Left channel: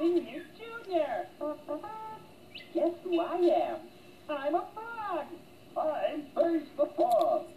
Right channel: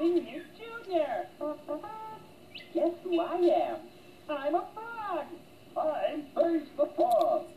Penis Junior. Guess who I am? I'm a frog. I'm Face the Frog.